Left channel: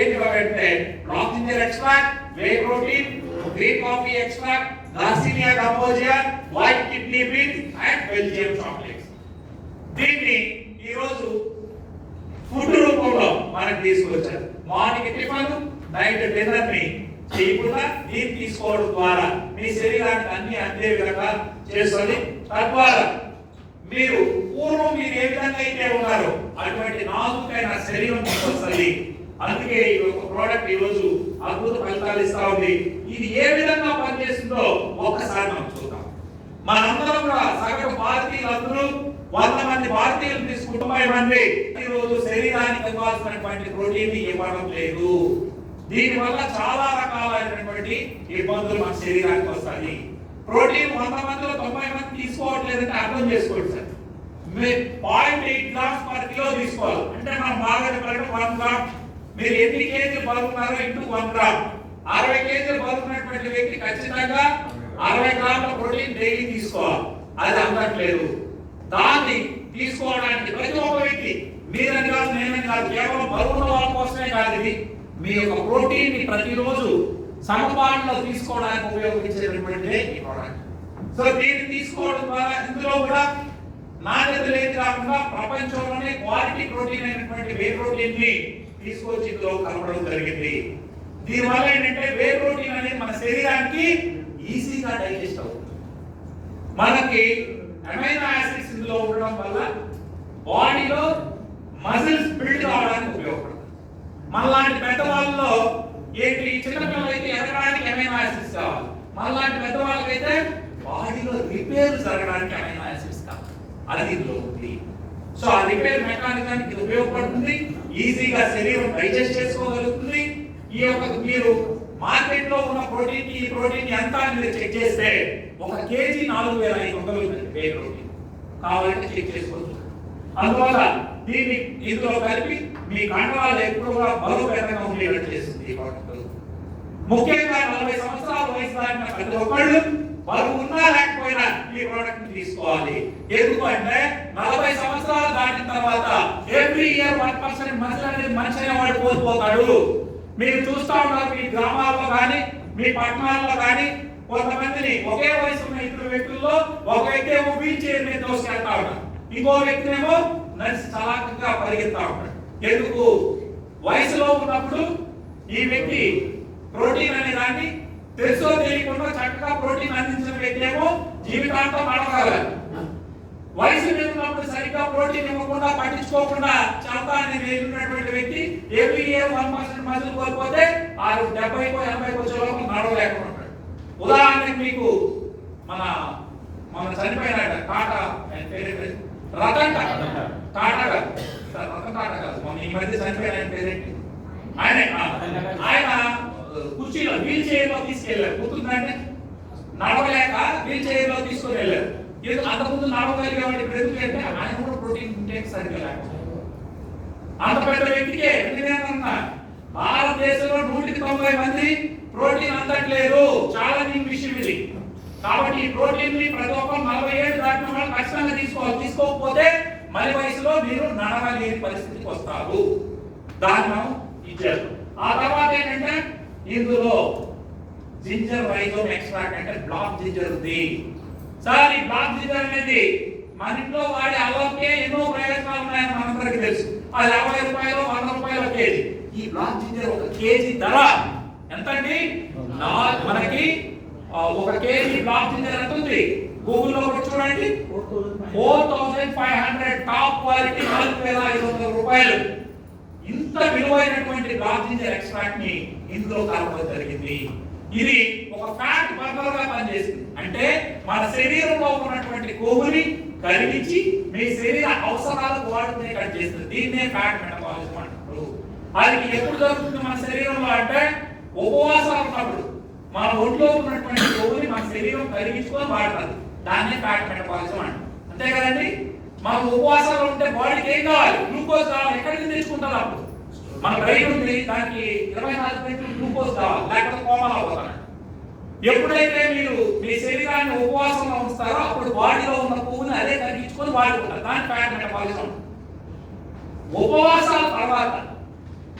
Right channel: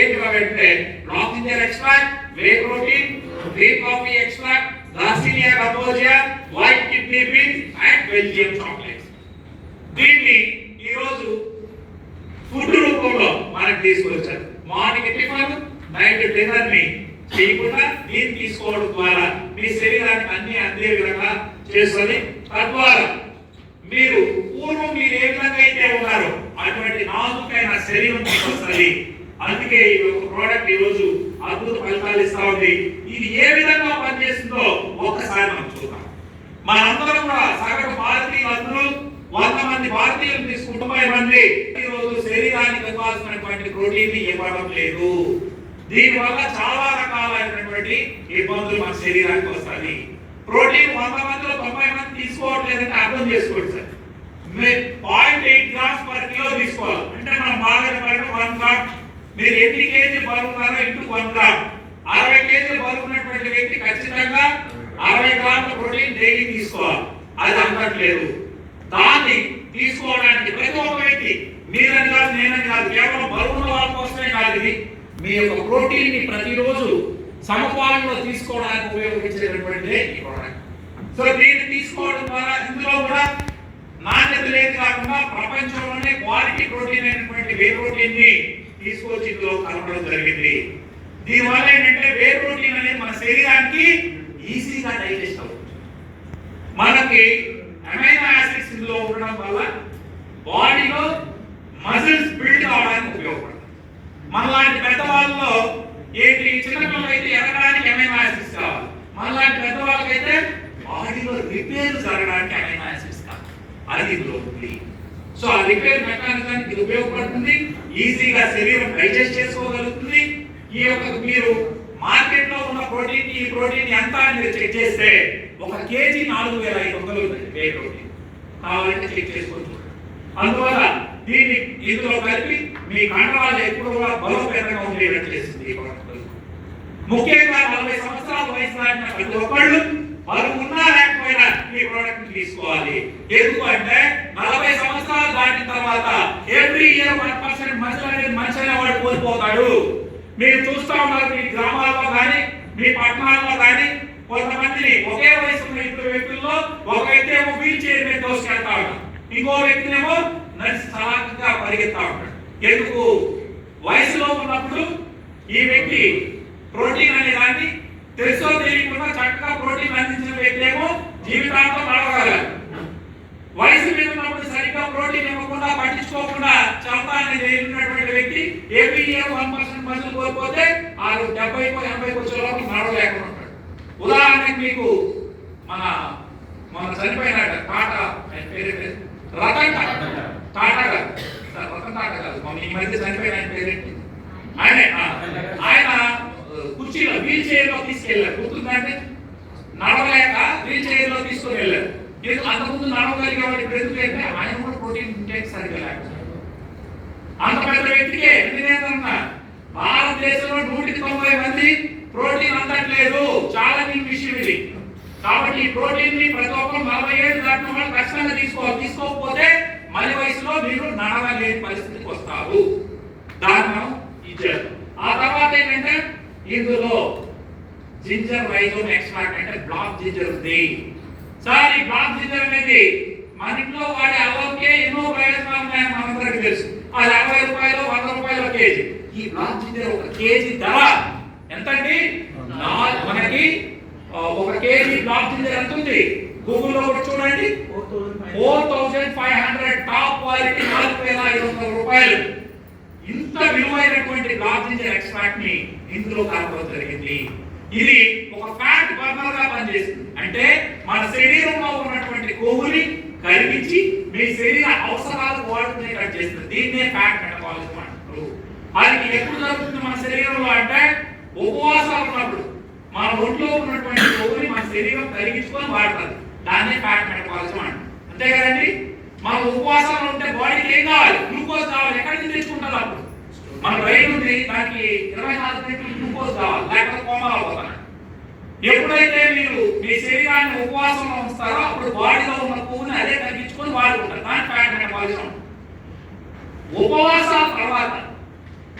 ఏంటంటే black ginger extract, whey protein, whey coffee extract, garcinia cambogia, white kidney beans and Belgium chocolates. దీన్ని ఈ రోజు food రూపంలో మనకు తీసుకొచ్చారు. మార్నింగ్ టిఫిన్, నైట్ డిన్నర్ ని చేయకుండా దీన్ని తీసుకోవడం ద్వారా మీ శరీరానికి అన్ని అందే విధంగా చేస్తుంది. తద్వారా మీరు పూర్వం మీరు ఏ విధంగా అయితే ఉన్నారో అటువంటి నాజుకైన శరీరం మీకు వస్తుంది. అందుకే ఈ ఒక ప్రోడక్ట్ ఈ రోజు అద్భుత ఫలితాలు ఇస్తా ఉంది. ఇది ఏ విధంగా పనిచేస్తుందో ఒక్కసారి మనం చూద్దాం. మనందరం కూడా సగటు భారతీయులందరూ 100 మంది భారతీయులు తీసుకుంటూ 90 మంది ఈ రోజు శరీరానికి కావాల్సినటువంటి ప్రోటీన్ ఇవ్వడం లేదు. దీనివల్ల చాలా రకాలైనటువంటి ఇబ్బందులు మన శరీరానికి వస్తాయి. ప్రోటీన్ 100 మందిలో 90 మంది తీసుకోవట్లేదంటే అర్థం చేసుకోండి సార్. 0.8 గ్రామ్స్ పర్ కిలో తీసుకోవాలి. అంటే మనం బాగా 1 గ్రామ్. మీరు ఎన్ని కేజీలు బరువున్నారో ఇంటూ 1 గ్రామ్. 60 కేజీలు బరువున్నటువంటి వ్యక్తి ఖచ్చితంగా 60 గ్రాముల ప్రోటీన్ డైలీ తీసుకోవాలి. అది అందట్లేదు. దాన్ని తీసుకోవడానికి ప్రతి ఒక్క వ్యక్తి, మీరని కాదు నేనని కాదు, కేవలం బరువున్న వాళ్ళ కోసమే కాదు, ఇది మీ యొక్క ప్రోటీన్ ని ప్రతిరోజు సమపాలనలో తీసుకోవడానికి ఉపయోగించేటటువంటి ఈ ప్రోడక్ట్. సో దీన్ని తీసుకోవడం ద్వారా ఇందులో కూడా నాణ్యత లేదు కాకుండా ప్రపంచంలోనే క్వాలిటీ ప్రోటీన్ అయినటువంటి వే ప్రోటీన్ ని తీసుకొచ్చి ఇందులో కలపడం జరిగింది. దీనివల్ల ఏంటంటే వే ప్రోటీన్ అనేది మన శరీరానికి ఈజీగా డైజెస్ట్ అవుతుంది. మనకి అమైనో యాసిడ్స్ ఇందులో ఉండడం వల్ల బాడీలో మజిల్స్ బిల్డ్ అవడానికి ఉపయోగపడుతుంది. మనలాంటి పెద్దవాళ్ళలో ఏంటి, చిన్నపిల్లలు అయితే ఎదగడానికి అమైనో యాసిడ్స్ కావాలి. మనలాంటి పెద్దవాళ్ళకైతే బాడీలో రిపేర్ జరగడానికి అమైనో యాసిడ్స్ కావాలి. అది ఇందులో ఉంది. సో ఆ రిపేర్ మెకానిజానికి ఇది ఉపయోగపడుతుంది. ఈజీగా శరీరం డైజెస్ట్ చేసుకోగలుగుతుంది. ఈ యొక్క మీరు మార్కెట్ లో ఉన్న ప్రోటీన్, ఈ ప్రోటీన్ ఎంత అని మీరు చెక్ చేస్తే 1 కేజీ 4500 ఉంది వే ప్రోటీన్. కావాలంటే చెక్ చేసుకోవచ్చు. అందువల్ల దీన్ని ఇందులో కలిపి మీ కండరాలు ఎప్పుడు కూడా బలోపేతంగా ఉండేటట్టు చేస్తుంది ఈ ప్రోడక్ట్. ముఖ్యంగా 40 సంవత్సరాల వయసు దాటిన ప్రతి ఒక్కళ్ళు బరువు ఉన్నా లేకపోయినా ఈ ప్రోడక్ట్ తీసుకోవాలి. ఎందుకు అంటే 40 సంవత్సరాలు దాటిన తర్వాత ఎవ్రీ ఇయర్ 1% మజిల్ అనేది మనిషి అనేవాడు కోల్పోతాడు. మీరు చూస్తా ఉన్నారు మీ గ్రామాల్లో కానీ మీ పట్టణాల్లో కానీ కొంతమందిని ఒకే వయసు ఉన్న ఇద్దరు వ్యక్తుల్లో ఒక వ్యక్తి ఏమో వీల్ చైర్ మీద దోసుకెళ్తా ఉంటాడు, ఇంకో వ్యక్తినేమో నడిచి చలాకంగా పరిగెత్తా ఉంటాడు. ఎందుకు? వయసులో ఉన్నప్పుడు ఈ వ్యక్తి ప్రోటీన్ అనే దాన్ని తెలుసో తెలియకుండా చక్కగా ప్రోటీన్ అందించిన వ్యక్తి ఏమో జీవితాంతం నడవగలరు. వయసు మీద ఉన్నప్పుడు సరిగ్గా ప్రోటీన్ ఇవ్వకుండా పట్టించుకోకుండా చంపా అనేది వెళ్ళినటువంటి వ్యక్తి ఎవ్రీ ఇయర్ 1% మజిల్ కోల్పోతే 70కో 80కో వచ్చేలోపు నడవలేకుండా ఉంటాడు. ఉదాహరణకి మీకు మన చనిపోయిన టాటా పేరేంటి, రతన్ టాటా గారు, రతన్ టాటా కాదు, ఈ మధ్య చనిపోయిన ఆయన పేరేంటి, ఆయన కుర్చీలో వీల్ చైర్ లో తీసుకెళ్లారు. గుర్తుందంటే నడవలేక వీల్ చైర్ లో తీసుకుని వెళ్ళారు. అంతకుముందు నడవగలిగేవాడు ఇప్పుడు ఎందుకంటే ఆయన కూడా ప్రోటీన్ ఇంటేక్ సరిగ్గా లేకపోతే అంత పెద్ద వ్యక్తికి ఎందుకంటే భారతదేశంలో 190 మంది ప్రోటీన్ అందట్లేదు. ఛాలెంజింగ్ విషయం ఇది. కాబట్టి ఈ ప్రోటీన్ ని ప్రతి ఒక్కరు 40 ఏళ్ళు దాటిన వాళ్ళు ఖచ్చితంగా తీసుకోవాలి. తీసుకోకపోతే మరి వయసులో మీరు నడవలేని పరిస్థితికి వస్తారు. దాన్ని మనం ఇచ్చారు. ఆ తర్వాత ఏంటంటే ఇందులో జింజర్ రైజోమ్ ఎక్స్ట్రాక్ట్ అంటే బ్లాక్ జింజర్ ఉంది. సార్ ఈ బ్లాక్ జింజర్ అనేది మన ఇంట్లో వాడే అల్లంకే ఎన్నో ప్రయోజనాలు ఉన్నాయని మనందరికీ తెలుసు. అది 60 రూపాయలు 100 రూపాయలు కేజీ. ఈ బ్లాక్ జింజర్ 1 కేజీ ధర ఎంతండి? మనకి 1 కేజీ బ్లాక్ జింజర్ ఎంత ఉంది? గూగుల్లో కూడా చూడండి, 4500 టాప్ క్వాలిటీ 4500 రూపాయలు. ఇంత విలువైనటువంటి బ్లాక్ జింజర్ ఎక్స్ట్రాక్ట్ ని ఇందులో కలపడం జరిగింది. ఇది ఒక ఫ్యాట్ బర్నర్ గా పనిచేస్తుంది. అంటే మన శరీరంలో ఉన్నటువంటి కొవ్వుని కరిగించి మీ శరీర అవసరాలకు వాడుకునేటట్టు చేస్తుంది. దీన్నే ఫ్యాట్ మెటబాలిజం అంటారు. అది ఎప్పుడు జరుగుతుంది మన శరీరంలో అంటే ఉపవాసాలు ఉన్నప్పుడు మన ఒంట్లో ఉన్నటువంటి కొవ్వుని మన శరీరం కరిగించుకొని వాడుతుంది. దాన్నే ఫ్యాట్ మెటబాలిజం అంటారు. అంతే కదండి. మన ఉపవాసాలు ఉంటే బాడీకి ఏం కావాలి? గ్లూకోజ్ కావాలి. ఎక్కడి నుంచి తెచ్చుకుంటారు? అప్పుడు మన బ్రెయిన్ ఉంది, దానికి 24 గంటలు గ్లూకోజ్ కావాలి, లేకపోతే కోమాలో పోతాడు. ఎప్పుడైతే మీరు మీ శరీరాన్ని ఉపవాసంలో ఉంచుతారో అప్పుడు బాడీలో ఉన్న కొవ్వుని అదే తగ్గించుకొని వాడుకుంటారు. దాని ఫ్యాట్ మెటబాలిజం. ఉపవాసాల తర్వాత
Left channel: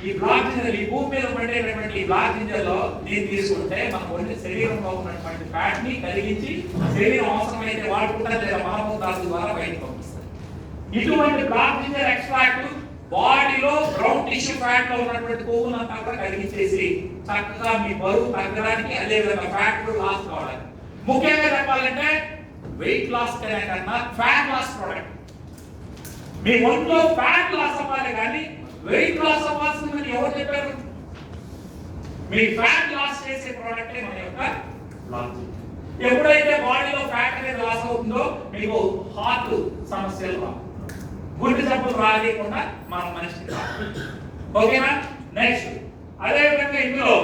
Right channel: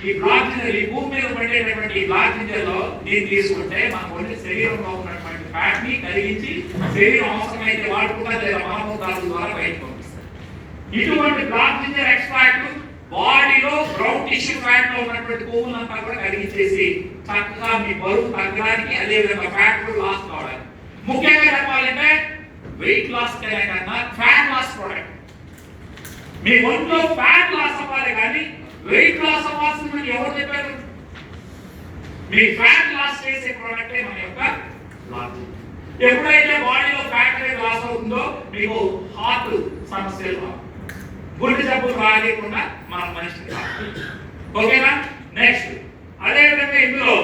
ఈ బ్లాక్ జింజర్ ఈ భూమి మీద పడేటటువంటి ఈ బ్లాక్ జింజర్ లో దీన్ని తీసుకుంటే మన ఒంటి శరీరంలో ఉన్నటువంటి ఫ్యాట్ ని కరిగించి శరీరం అవసరమైతే వాడుకుంటా లేదా మలమూత్రాల ద్వారా బయటకు పంపిస్తారు. ఇటువంటి బ్లాక్ జింజర్ ఎక్స్ట్రాక్ట్ బాడీలో గ్రౌండ్ టిష్యూ ఫ్యాట్ లో ఉన్నటువంటి కొవ్వులంతా కూడా కరిగించేసి చక్కగా మీ బరువు తగ్గడానికి అదేవిధంగా ఫ్యాట్ లాస్ కావడానికి, ముఖ్యంగా చెప్పాలంటే వెయిట్ లాస్ కన్నా ఫ్యాట్ లాస్ ప్రోడక్ట్. మీ ఒంట్లో ఫ్యాట్ లాస్ అవ్వాలి కానీ వెయిట్ లాస్ అవ్వాల్సిందని ఎవరు చెప్పారు? మీ ఫ్యాట్ లాస్ చేసే ప్రోడక్టే మన యొక్క లాస్. ఎప్పుడైతే బాడీలో ఫ్యాట్ అనేది లాస్ అవుతుందో మీకు హార్ట్ సమస్యలు, గుండె జబ్బులు రాలేకుండా మన మనిషికి. ఓకేనా? నెక్స్ట్ అదే విధంగా ఇందులో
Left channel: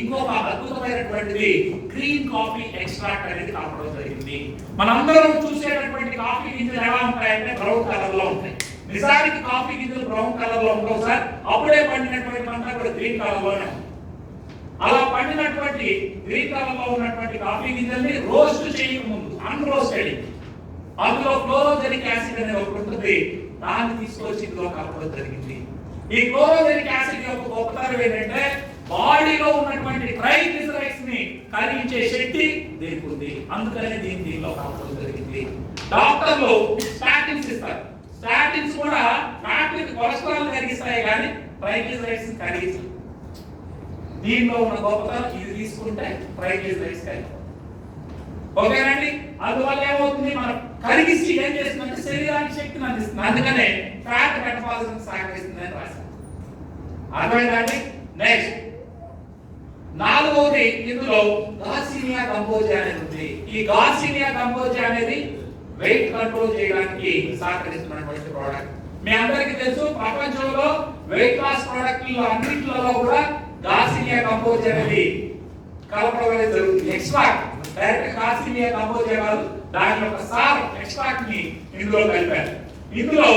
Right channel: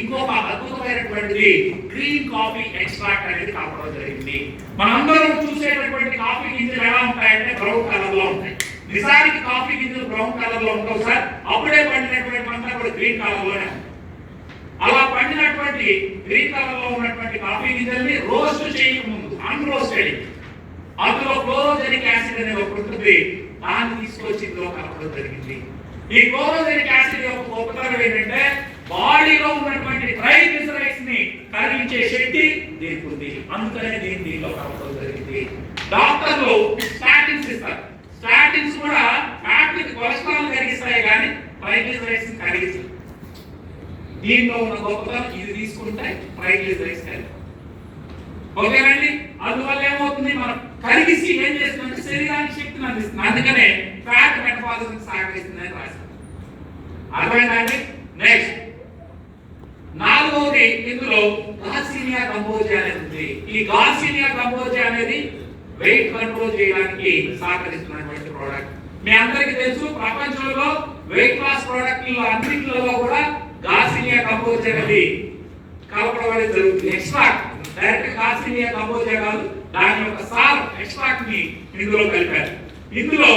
ఇంకొక అద్భుతమైనటువంటిది గ్రీన్ కాఫీ ఎక్స్ట్రాక్ట్ అనేది కలపడం జరిగింది. మనందరం చూసేటటువంటి కాఫీ గింజలు ఎలా ఉంటాయంటే బ్రౌన్ కలర్ లో ఉంటాయి. నిజానికి కాఫీ గింజలు బ్రౌన్ కలర్ లో ఉండవు సార్. అప్పుడే పండినటువంటి అంతా కూడా గ్రీన్ కలర్ లోనే ఉంటాయి. అలా పండినటువంటి గ్రీన్ కలర్ లో ఉన్నటువంటి కాఫీ గింజల్ని రోస్ట్ చేయకముందు అన్రోస్టెడ్ అందులో క్లోరోజెనిక్ యాసిడ్ అనే ఒకటి ఉంటుంది, దాన్ని తీసుకొచ్చి ఇందులో కలపడం జరిగింది. ఈ క్లోరోజెనిక్ యాసిడ్ యొక్క గొప్పతనం ఏంటంటే బాడీలో ఉన్నటువంటి ట్రైగ్లిసరైడ్స్ ని కరిగించే శక్తి దీనికి ఉంది. అందుకనే దీనిలో కలపడం జరిగింది. డాక్టర్లు స్టాటిన్స్ ఇస్తారు. స్టాటిన్స్ కూడా ఫ్యాట్ ని కొలెస్ట్రాల్ కరిగిస్తాయి కానీ ట్రైగ్లిసరైడ్స్ ని కరిగిస్తాయి. దీనిలో ఉన్న గొప్పతనం ఇది తీసుకుంటే ట్రైగ్లిసరైడ్స్ కరిగిస్తాయి. ఓకేనండి? అందువల్ల ఏమవుతుంది, మనం కరిగిసి ఏం చేస్తుందంటే శరీరానికి శక్తిని అందిస్తుంది. అందుకనే ఫ్యాట్ మెటబాలిజం సహకరిస్తుందని రాశారు. అర్థమైందండి? నెక్స్ట్ నాలుగవది ఇందులో గార్సినియా గంబోజియా అనేది ఉంది. ఈ గార్సినియా గంబోజియా అనేది వెయిట్ కంట్రోల్ చేయడానికి సహకరిస్తున్నటువంటి ప్రోడక్ట్. మీ అందరికీ తెలుసు ప్రపంచంలో వెయిట్ లాస్ ప్రోడక్ట్లో అన్నింటిలో కూడా గార్సినియా గంబోజియా అనేది కలపడం అనేది జరుగుతుంది. ఎక్స్ట్రాక్ట్ డైరెక్ట్ గార్సినియా గంబోజియా కాదు, దాని యొక్క సార్ ఎక్స్ట్రాక్ట్ ని ఇందులో కలిపారు. ఇందులో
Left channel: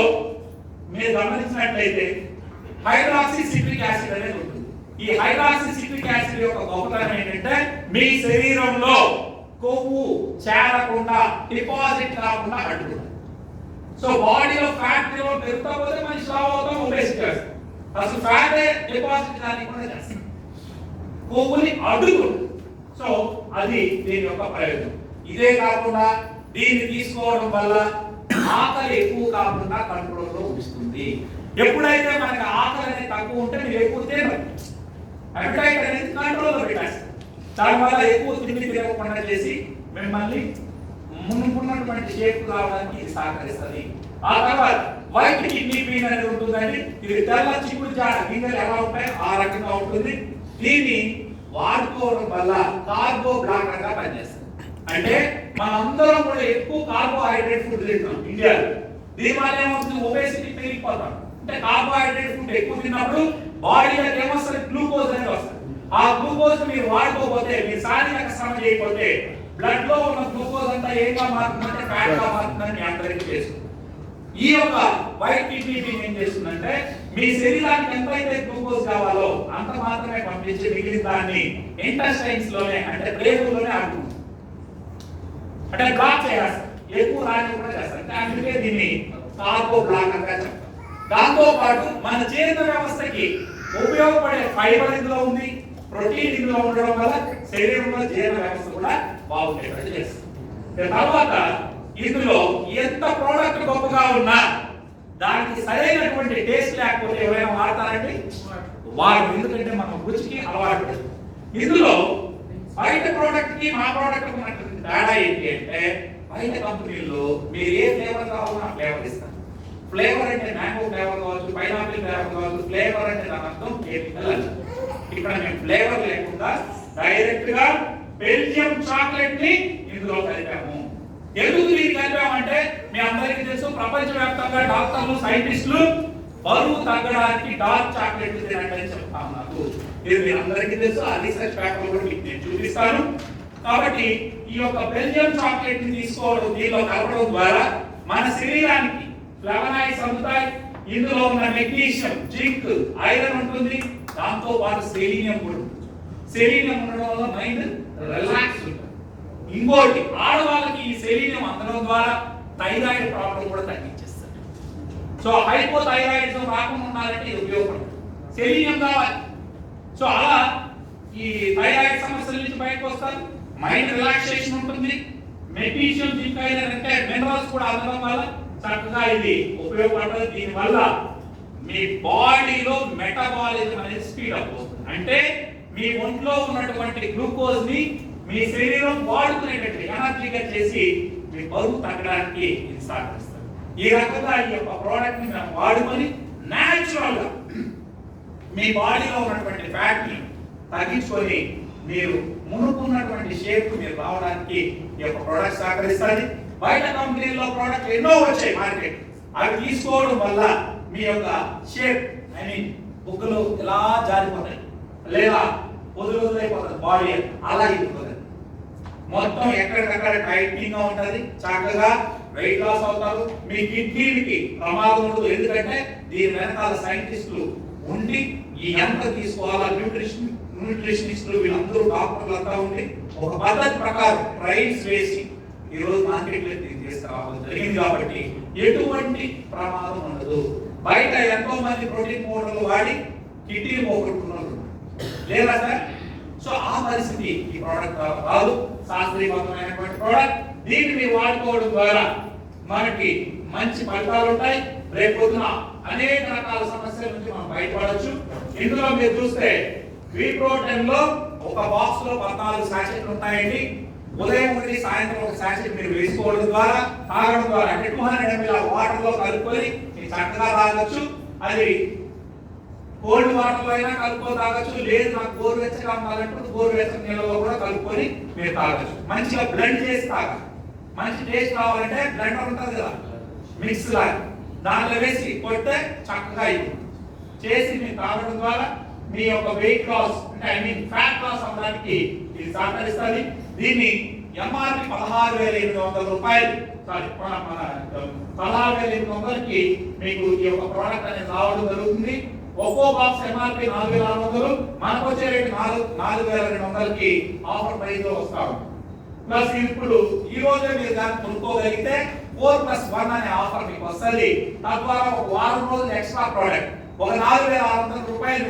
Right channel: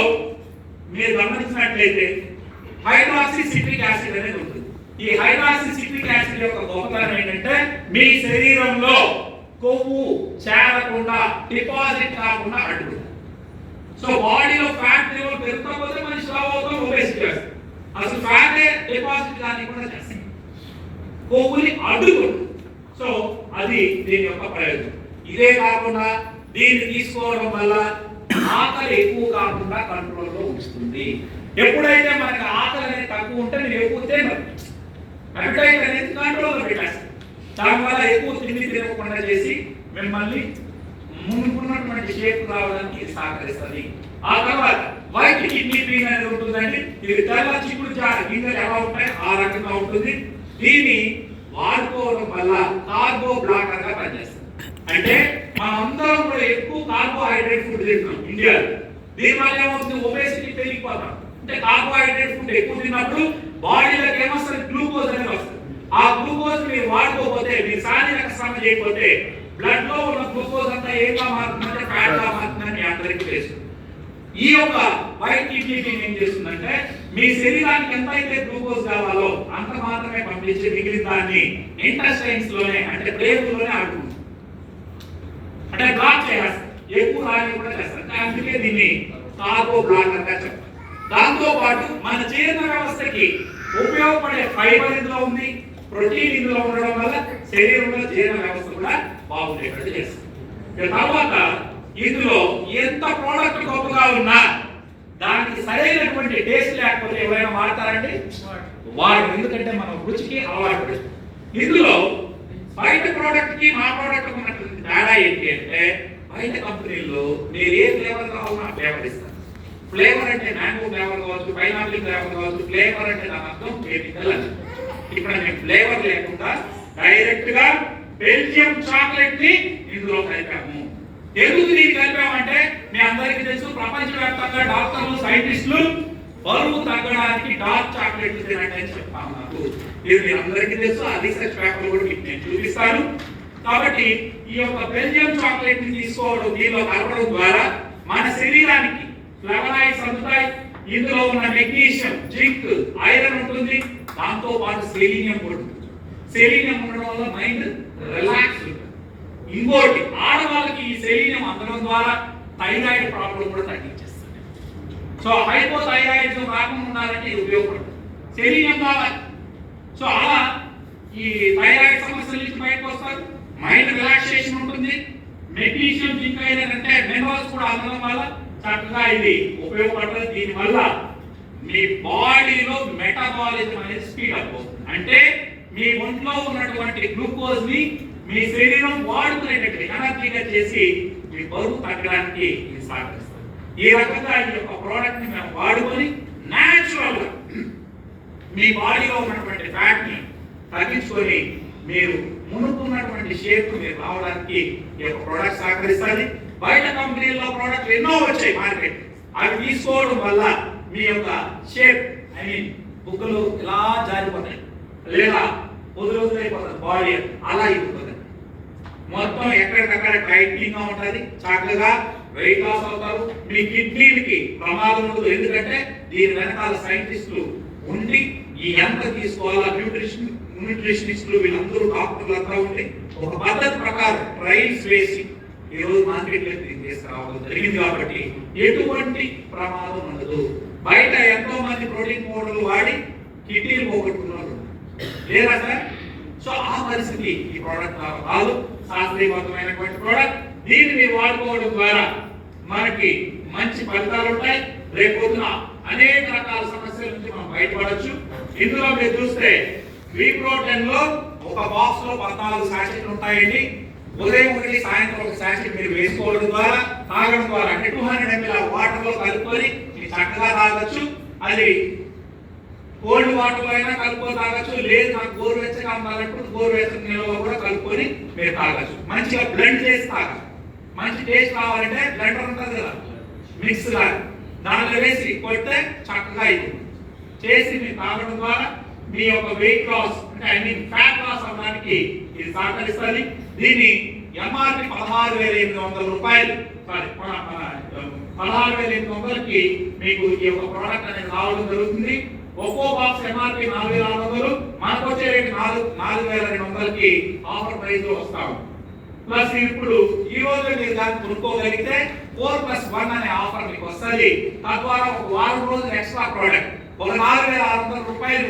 మీరు గమనించినట్లయితే హైడ్రాక్సీ సిట్రిక్ యాసిడ్ అనేది ఉంటుంది. ఈ హైడ్రాక్సీ సిట్రిక్ యాసిడ్ యొక్క గొప్పతనం ఏంటంటే మీ శరీరంలో కొవ్వు చేరకుండా డిపాజిట్ కాకుండా అడ్డుకుంటుంది. సో బాడీలో ఫ్యాట్ లెవెల్ పెరుగుతా పోతే మనిషి లావు అవుతాం, ఒబేసిటీ చేస్తాం. అసలు ఫ్యాట్ డిపాజిట్ కానికుండా చేస్తాం, కొవ్వుని అడ్డుకుంటుంది. సో అది దీని యొక్క ప్రయోజనం. ఇదే కాకుండా దీన్ని తీసుకోవడం వల్ల ఆకలి ఎక్కువ కాకుండా కంట్రోల్లో ఉంచుతుంది. ఎప్పుడైతే మనకి ఆకలి అనేది తక్కువ ఉంటే మీరు ఎక్కువ తినరు, అపెటైట్ అనేది కంట్రోల్లో పెట్టేస్తారు. దానివల్ల ఎక్కువ తిండి తినకుండా చేసి మిమ్మల్ని మునుకున్నటువంటి షేప్ రావడానికి ఇది సహకరిస్తుంది. ఆ తర్వాత వైట్ కిడ్నీ బీన్ అనేది ఉంటుందండి. ఇది తెల్ల చిక్కుడు గింజలు ఎలా ఉంటాయో ఆ రకంగా ఉంటుంది. దీన్ని వాడుకోవడం వల్ల కార్బో బ్లాకర్ గా పనిచేస్తుంది. అంటే మనం అందరం కూడా ఎక్కువ కార్బోహైడ్రేట్ ఫుడ్ తింటాం ఇండియాలో. దీనివల్ల ఏమవుతుంది, ఒబేసిటీ పెరిగిపోతాం. అంటే కార్బోహైడ్రేట్ ఫుడ్ ఎక్కువ తిన్నప్పుడు బాడీలోకి ఏమొస్తుంది, గ్లూకోజ్ అనేది వస్తుంది. ఆ గ్లూకోజ్ మీరు వాడుకోకపోతే, మీరు శారీరక శ్రమ చేయకపోతే బ్లడ్ లో ఉన్న గ్లూకోజ్ అంతా ఏంగా మారుతుందంటే ఫ్యాట్ గా మారుతుందని మీ అందరికీ తెలుసు. ఈ యొక్క వైట్ కిడ్నీ బీన్ ఏం చేస్తుందంటే మీ శరీరానికి ఎంతైతే గ్లూకోజ్ కావాలో అంత మాత్రమే పంపించి మిగిలిన దాన్ని ఇంటెస్టైన్స్ లోనే అంటే ప్రేగులోనే ఆగుతుంది. అంటే బ్లాక్ చేస్తారు, ఎక్కువ రాని కూడా చేస్తారు. అందుకే దీన్ని కార్బో బ్లాకర్ గా చెప్తారు. దాంతో పాటు మన జీర్ణ వ్యవస్థకి ఉపయోగపడే ఫైబర్ ఇందులో ఉంది, ప్రోటీన్ ఇందులో ఉండడం వల్ల శరీరంలో జీర్ణ వ్యవస్థ కూడా బాగుండేటట్టు చేస్తుంది. తర్వాత ఇందులో ఎంత ప్రోడక్ట్ గొప్పగా ఉన్నా దానికి సరైనటువంటి టేస్ట్ లేకపోతే ఎవరైనా వాడతారంటే వాడు, ఎందుకంటే మనం రుచికి అలవాటు పడుతుంది. ఇందులో బయట ప్రోడక్ట్ కి మా ప్రోడక్ట్ ఉన్నటువంటి తేడా ఏంటి అంటే బయట కంపెనీల్లో మీరు ఏ ఫ్లేవర్ కావాలో ఆ ఫ్లేవర్ ఇస్తారు. ఫ్లేవర్ అంటే మ్యాంగో ఫ్లేవర్ కావచ్చు, పైనాపిల్ ఫ్లేవర్ కావచ్చు. ఫ్లేవర్ అంటే దాని అర్థం కెమికల్ అని. ఇక్కడ మేము ఫ్లేవర్ లేకుండా డైరెక్ట్ గా బెల్జియం చాక్లెట్ ని ఇందులో కలిపాము. ఎందుకు దీన్ని కలిపామంటే మీ అందరికీ తెలుసు ప్రపంచవ్యాప్తంగా డాక్టర్లు, సైంటిస్టులు బరువు తగ్గడానికి డార్క్ చాక్లెట్ తినండి అని చెప్తాము. నాకు ఇది మీ అందరికీ తెలుసు. ఆ రీసెర్చ్ పేపర్ కూడా మీకు నేను చూపిస్తాను. కాబట్టి ఈ యొక్క బెల్జియం చాక్లెట్ ని తీసుకోవడం, దీనిలో కలపడం ద్వారా మన శరీరానికి ఫ్లవనాయిడ్స్ అందుతాయి. ఇందులో ఉన్న మెగ్నీషియం, జింక్, ఐరన్ ఉంటుంది. దాంతో పాటు సెలీనియం కూడా ఉంటుంది. సెలీనియం ఉండడం వల్ల మైండ్ రిలాక్స్ ఉంటుంది. ఇంకోటి, ఆడవాళ్ళకి ఈ సెలీనియం అందడం ద్వారా థైరాయిడ్ ప్రాబ్లం కూడా తగ్గించేస్తుంది. సో హైపోథైరాయిడిజం రాకుండా ఉండాలంటే ఇది ఉపయోగపడుతుంది. సెలీనియం కావాలి. సో అలా ఈ థైరాయిడ్ సమస్యల నుంచి బయటకు వస్తారు. మైండ్ రిలాక్సేషన్ ఉంటుంది. మెగ్నీషియం, జింక్ ఐరన్ అంటే మినరల్స్ కూడా అందడం వల్ల చక్కగా ఇది ఉపయోగపడుతుంది. దీనివల్ల మీ బాడీలో మెటబాలిజం అనేది స్పీడ్ అప్ అవుతుంది. అంటే మీ ఒంట్లో ఉన్నటువంటి గ్లూకోజ్ ని మీ శరీరం వాడుకునేటట్టు ఎనర్జీగా చేసి మీ బరువు తగ్గడానికి ఇది సహకరిస్తుంది. ఈ రకంగా ఈ యొక్క ప్రోడక్ట్ ని మేము వాడుకొని న్యాచురల్ గా మీ బాడీలో ఉన్నటువంటి ఫ్యాట్ ని తగ్గించుకొని మీరు మునుకున్నటువంటి షేప్ మీరు రావడానికి ఈ యొక్క ప్రోడక్ట్ సహకరిస్తుంది. బయట కంపెనీల్లో ప్రోడక్ట్లు ఎన్నో వచ్చాయి మార్కెట్. అవి తీసుకోవడం వల్ల మీ యొక్క షేప్ బుగ్గలు ఇలా జారిపోతాయి, లేదా వదులైపోతుంది బాడీ, అలా ఇరుగుతుంది. మొత్తం ఎక్కడికక్కడ టైట్నింగ్ గా ఉంటుంది. చక్కగా వెయిట్ లాస్ అవుతారు. మీ కిడ్నీలకి ప్రమాదం ఉండదు. ఎందుకంటే దీని వెనకాల సైంటిస్టులు ఉండి ఈ ఎంత తీసుకోవాలా, న్యూట్రిషనిస్టులు వీళ్ళందరూ డాక్టర్లు అంతా ఉండి ఒక పద్ధతి ప్రకారం ట్రయల్స్ వేసి ఈ రోజు మార్కెట్ లో తీసుకురావడం జరిగింది. కాబట్టి ఎటువంటి ప్రమాదం ఉండదు. బయట ఎంతో మంది ప్రోటీన్ పౌడర్లు వాడి కిడ్నీలు పోగొట్టుకున్నారు లేదా సార్? సో ఆ పరిస్థితి ఈ ప్రోడక్ట్ రాదు. శాస్త్రీయబద్ధమైనటువంటి ప్రోడక్ట్. దీన్ని మీరు వాడుకోవడం ద్వారా మనకి మంచి ఫలితాలు ఉంటాయి. రేపు పొద్దున అనేక రకాల సమస్యల నుంచి మనం బయటపడవచ్చు. ఇందులో మీరు చూస్తే V-Pro10 లో ఒక బాక్స్ లో 14 సాచెట్లు ఉంటాయండి. ఉదయం ఒకటి, సాయంత్రం ఒక సాచెట్ మీరు వేసుకోవడం ద్వారా, తాగడం ద్వారా, అంటే 200 ml వాటర్ లో కలుపుకొని మీరు చక్కగా తాగొచ్చు. అది కోల్డ్ వాటర్ లో అయినా కలుపుకొని తాగొచ్చు. లేదు నాకు గోరువెచ్చగా కావాలంటే గోరువెచ్చని నీళ్ళలో కూడా కలుపుకొని మీరు తాగొచ్చు. మంచిగా బ్లెండ్ చేసి తాగాలి. మంచి టేస్ట్ కావాలంటే బ్లెండర్ ఉంటుంది కదా, మిక్స్ గా దాంట్లో వేసి కొడితే చక్కగా ఇది చేసి మీరు తాగడం ద్వారా మీ యొక్క వెయిట్ లాస్ అంటే ఫ్యాట్ లాస్ అవ్వడానికి ఇది సహకరిస్తుంది. దీన్ని ఎంఆర్పి 16,800 రూపాయలు, సారీ 16,800కి మీకు ఈ యొక్క ప్రోడక్ట్ అనేది రావడం జరుగుతుంది. ఒక్కో బాక్స్ ఎంఆర్పి 4,600, మనకు వచ్చే రేటు 4,200కి ఆఫర్ ప్రైస్ లో వస్తాము. ప్లస్ ఇప్పుడు ఈ రోజు మీరు దాన్ని కొనుక్కోగలిగితే 4+1 అనే ఆఫర్ మీకు వస్తుంది. తద్వారా ఒక వారం రోజులు ఎక్స్ట్రా ప్రోడక్ట్ ఒక 4,600 రూపాయలు